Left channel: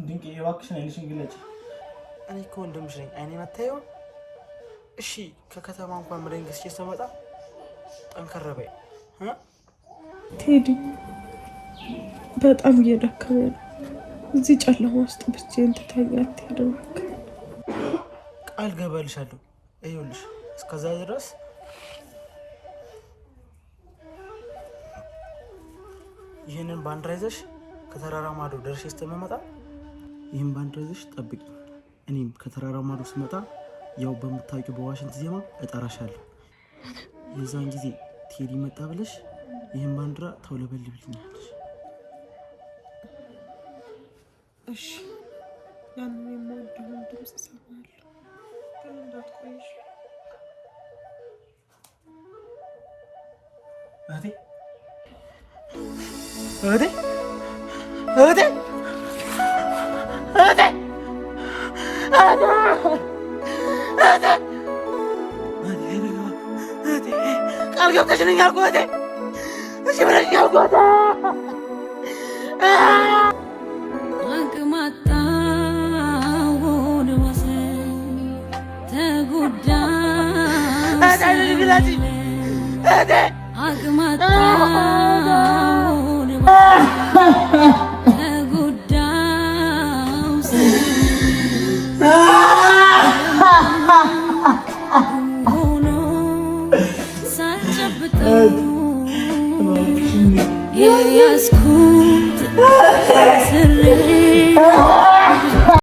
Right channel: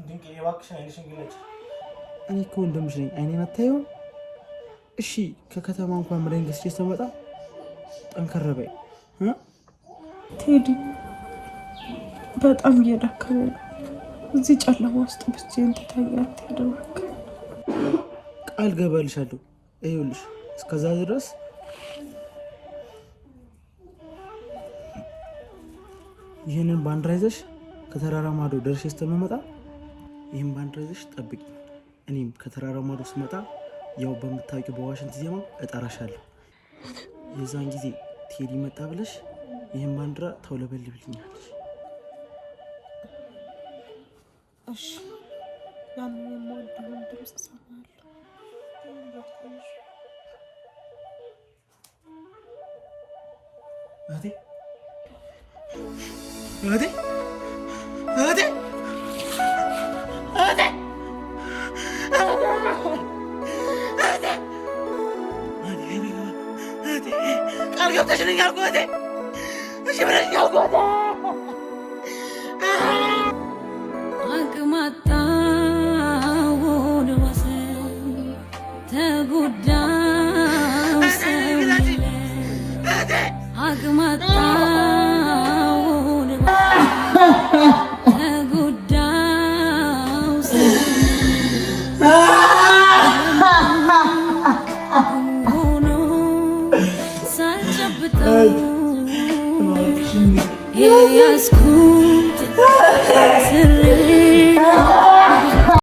ድንቅ የባክሽን አይንሽን ግለጭ። እኔ እኮ ወንድምሽ ነኝ። አይኔን አታየውም? እሺ ከከተማ እንኳን መድኃኒት ገዝቼ ስመጣ ጠንከር በይ ቴዲ። በጣም እየደከመ ነው። እዚህ ጨለማ ውስጥ ብቻዬን ትተኛለህ? ቴዲ እባክህ ቃል ገባልሻለሁ። ይኸውልሽ እስከዛ ድረስ ይህንን ባንዲራ ይዘሽ ከተራራ ማዶ ደርሼ ስትመጣ ይህን ባንዲራ ይዘሽ ጠብቂ። እኔም ከተራራ ማዶ ስመጣ ያው በምታውቂው በዋሽንት ዜማ እጠራሻለሁ። የዛን ጊዜ ቴዲ መጣ ብለሽ ይህን ባንዲራ ተውለበልብልኛለሽ። እሺ ያንን የምወደውን ድምፅ እሰማለሁ። እህቴ እህቴ እህቴ እህቴ ቃል ገብተሽልኝ አልኩህ እህቴ። እሺ ብለሽኝ አልኩህ አቅማጣውን ወሰን ተጎዳው አቅማጣውን ተጎዳው ሆኖ ሳጨብጠው የያዝኩት ስሬ